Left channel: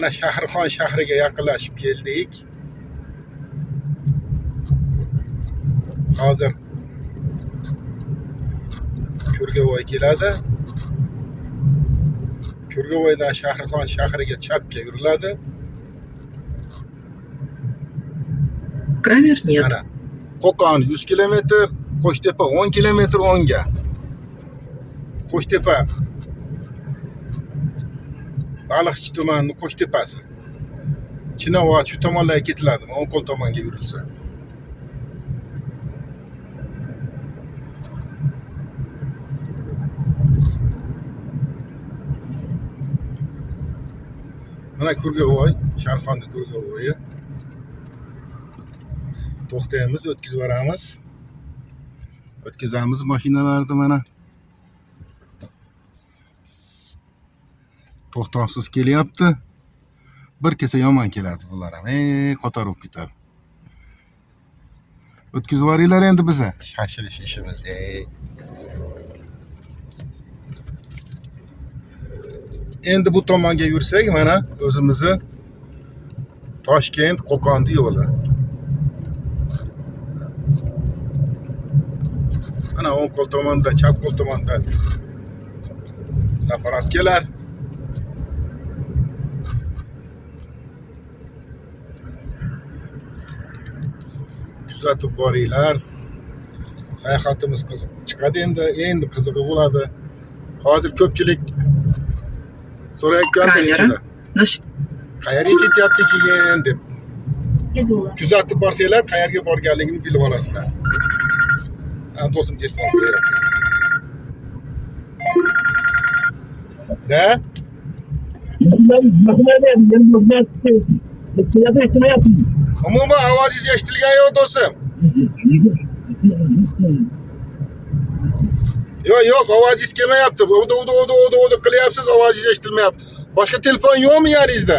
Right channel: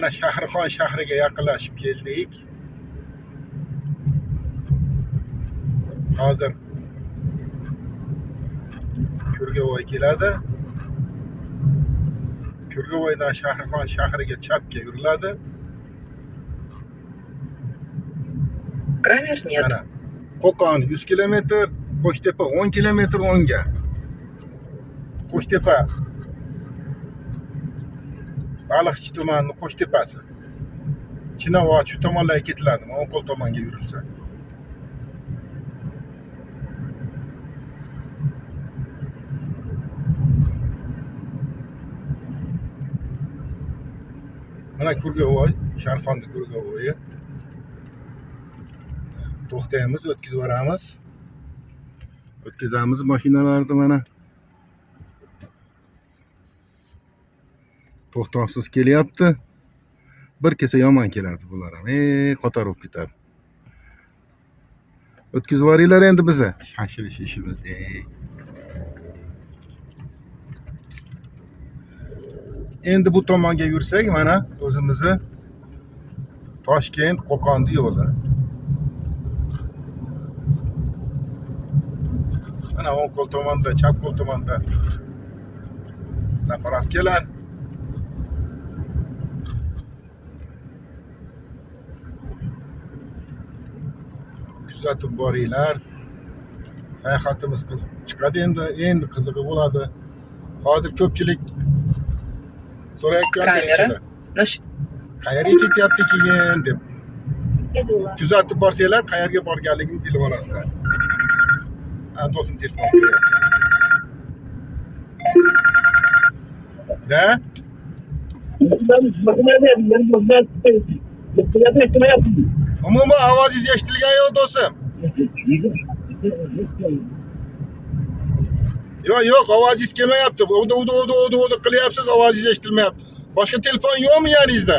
Ana Shahrixon shahriga yaqinlashib keldik. Hozir Kurgavoy keladi. Kurgavoydan Shahrixon shahriga chapga yuriladi. Камер нет. Ana Qo'qon 100 kilometr, Qo'shtepa 10 kilometr o'ngga. Qo'shtepa Baliqchi tumanining Qo'shtepasi. Chinavod shu tomonlarga ketiladi, O'nqo'l tomonga yurilsa. Mana Kurgavoy, Sharxonda Kurgavoyi. To'xtaymiz, o'tkazib boramiz. O'tkazamiz mashinalarni mana. To'xtovsiz kelyapti. Bir kelsa yomon keladi bular ham. Qo'tarib ketadi. O'tkazib boringlar endi biza. Shashilish ishimiz. Endi bu tomonga yursak mana o'zimizni Toshkent Qo'qonda yo'li. Ana o'ng qo'l tomonda, chap qo'l tomonda zapravkalar. Kuzatib boringlar. Sayohatimiz chiqadi endi qizig'i bo'ladi. Hozir ko'pchilik so'rayotgan Kamera. qayerga ketyapti keyin deb. Kuzatib borsanglar, qayerga borganligini bilib olasizlar. Do'stim telefon qilyapti. Da? Umuman ovozingiz eshitilgan yo'q do'stim. Yo'q, ovozingiz kelmayapti. Udu qilyapsiz, ovozingiz eshitilmayapti. Boshqa telefon yo'qmi yaningizda?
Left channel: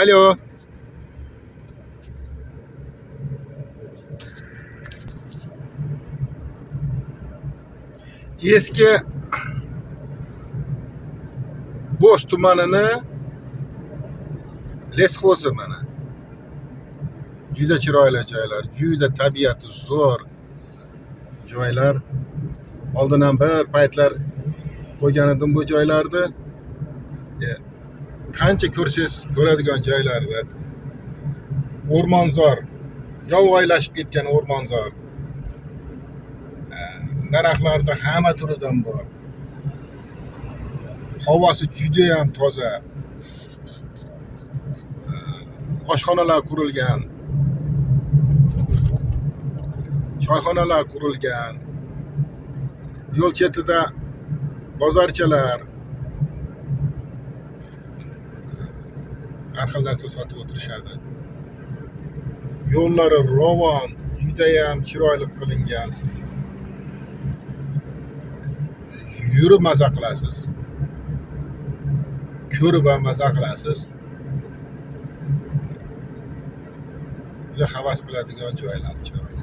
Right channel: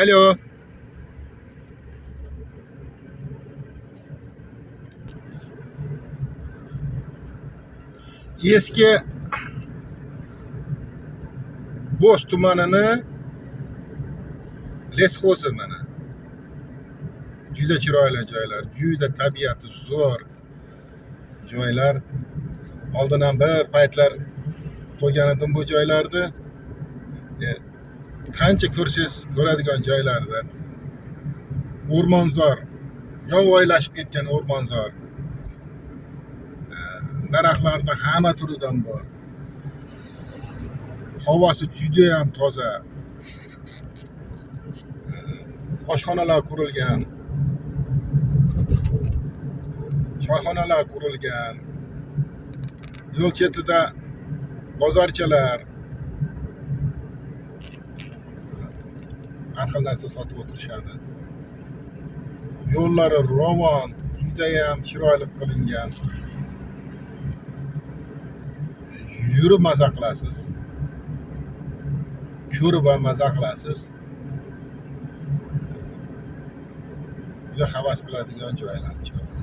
Alo. Eski Bo'sh tumanini lesxo'zi mana. Juda chiroyli joylar, juda tabiati zo'r joylar. Oldin ham bir paytlar qo'ygan edim bu joylarni. Qancha ko'rsangiz ko'radigan joylarda. O'rmonzor, yovvoyilashib ketgan o'rmonzor. Daraxtlarda hamma turidan bor. Havosi juda ham toza. Oshxonalar qurilgan. Choyxonalar qurilgan. Yo'l chetida bozorchalar. Har xil narsa sotib o'tirishadi. Yo'llari ravon, juda ham chiroyli qilingan. Yurib maza qilasiz. Ko'rib ham maza qilasiz. Juda havas qiladigan joylar chiroyli.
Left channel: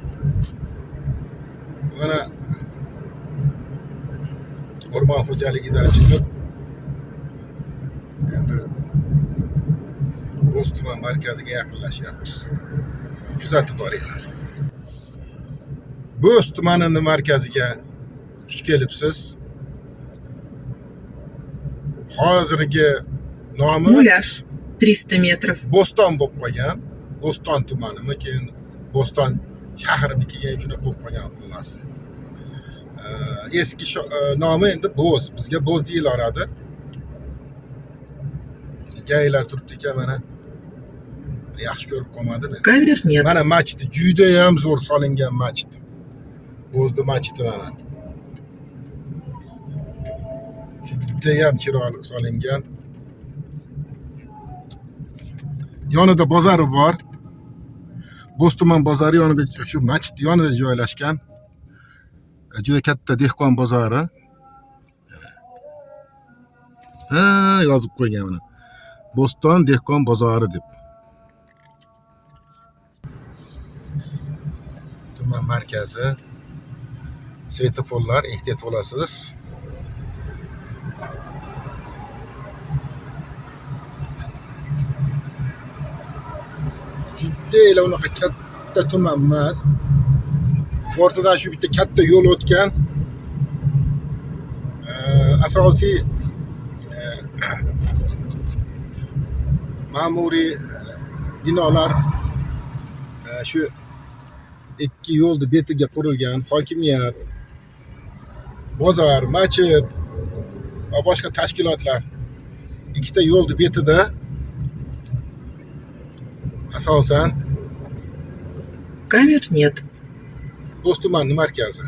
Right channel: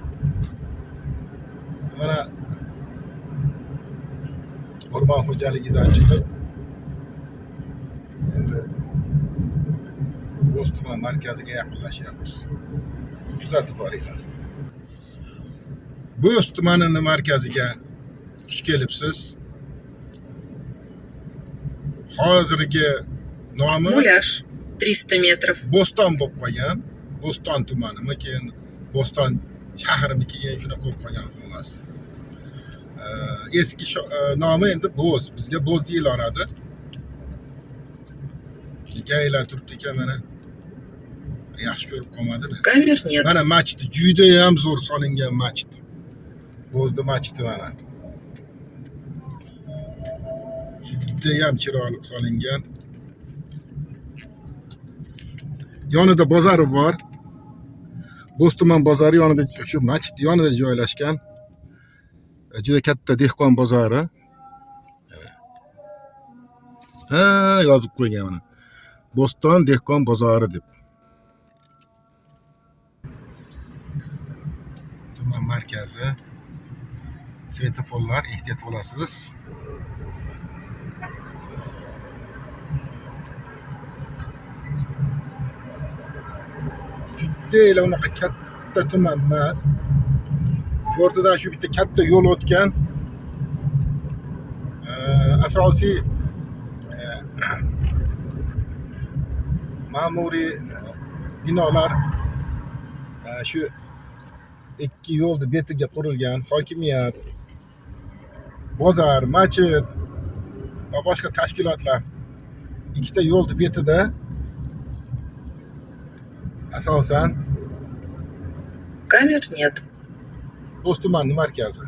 Mana o'rmon xo'jaligidan chiqib endi Bo'sh tuman markaziga yaqinlashyapmiz. Kuzatib boringlar. Bo'sh tumanining markaziga xush kelibsiz. Hozirgi nomi Muляж 300 метров. Bo'ston bo'lib qolgan. Bo'ston tumanimi, keyin Bo'ston shahrimikiga shuni qo'yib qolgan xullas. Eski nomi endi Bo'z. Bizga Bo'z deyilaradi. Gaylar turibdi ekan mana. Yaxshi ko'rib qolmadimi? Камер нет. Mana masjid juda ham zo'r solingan masjid. Bo'zda masjidi mana. Juda ham chiroyli solingan. Yonida bozori bor. Bo'sh tuman bozori yonida, shu masjid yonida joylashgan. Juda katta dehqon bozori. Yozib qo'ygan mana. Bo'ston dehqon bozori deb. Tuman markazi. Svetoforlar, ehtiyot bo'lasiz. deyla unaqa katta tuman emas. O'rtadan shu bitta katta yo'l o'tgan. Asosiy ma'muriy binolar shu ikki yo'lni betiga qurilgan. Hokimiyat, bozor, masjid va boshqa tashkilotlar ikkita yo'lni betida asosan Камер нет. Bo'stumani markazi.